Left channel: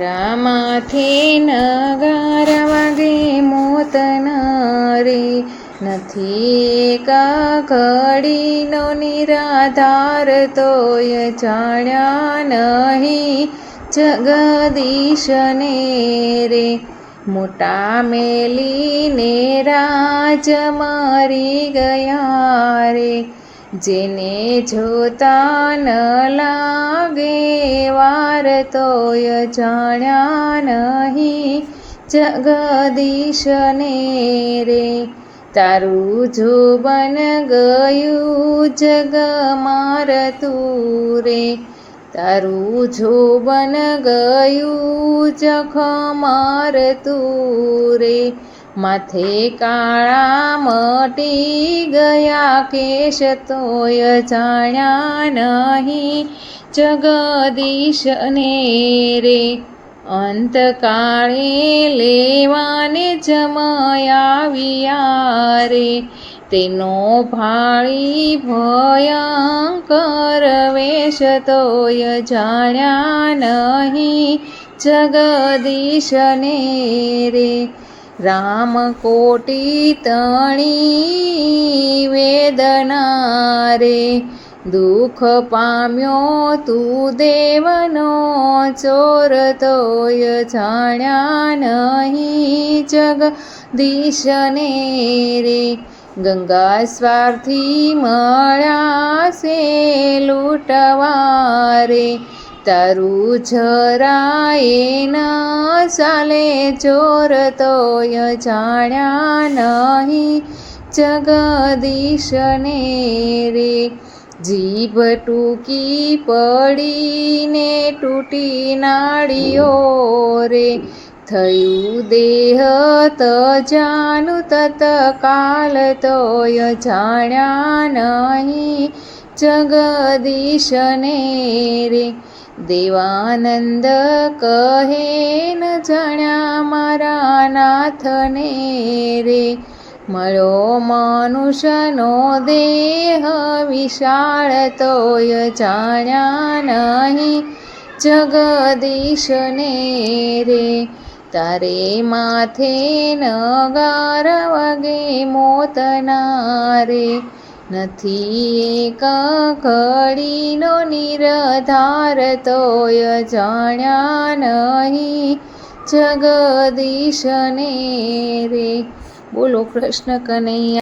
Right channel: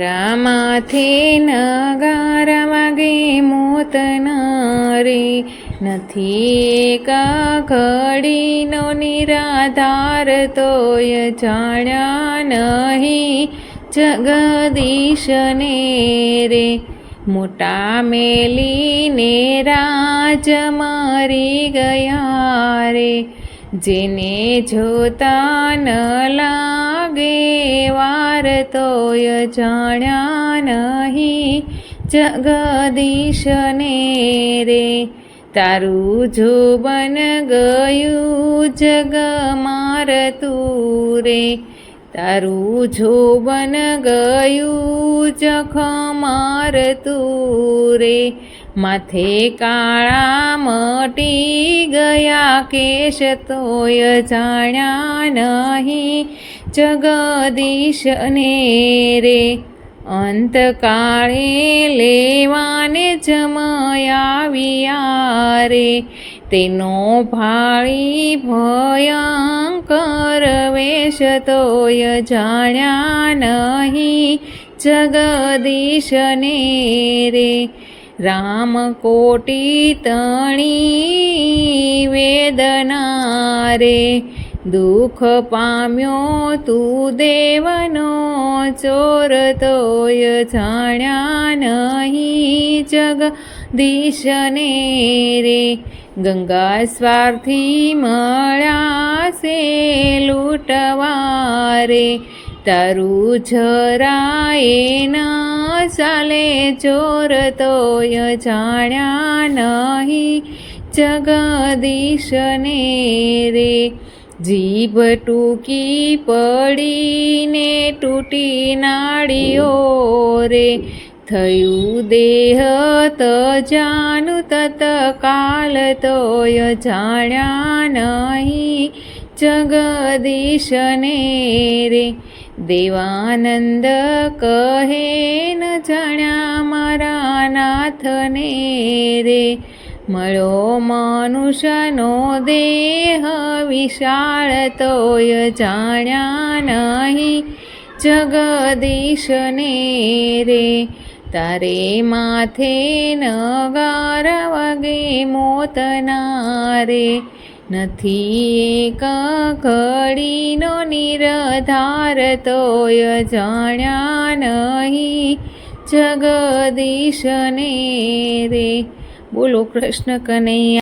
માથે નગાર વાગે મોતના રે, નથી એક ઘડીનો નિરાધાર, તોય જાણ્યા નહીં જગદીશને રે. મોટા મેલીને રાજ મરી ગયા રે, જેને જોતા ન લાગે વાર, તોય જાણ્યા નહીં જગદીશને રે. તારું જોબન ગયું જગ મારતું રે, તારું જોબન ગયું જખ મારતું રે. માથે કાળા મટી ગયા કેશ, તોય જાણ્યા નહીં જગદીશને રે. અંતકાળે લેવાને જમાવ્યા રે, તેનો ભાળી ભયંકર વેશ, તોય જાણ્યા નહીં જગદીશને રે. રામ કોટી તણી વેદના રે, દુઃખ પામ્યો તું દેવનો ચોર, તોય જાણ્યા નહીં જગદીશને રે. ગંગા સ્વાર્થી મળ્યા છે લૂંટવા રે, તારું જરાય ન ચાલે ચોર, તોય જાણ્યા નહીં જગદીશને રે. જીભ ટૂંકી પડીને તૂટી નાળીઓ રે, થયું દેહ તજાનું તત્કાલ, તોય જાણ્યા નહીં જગદીશને રે. દેવાનંદ કહે ન જાણ્યા મારા નાથને રે, મળ્યો મનુષ્યનો દેહ વિશાળ, તોય જાણ્યા નહીં જગદીશને રે. તારે માથે નગાર વાગે મોતના રે, નથી એક ઘડીનો નિરાધાર, તોય જાણ્યા નહીં જગદીશને રે. બોલો કૃષ્ણ કનૈયા.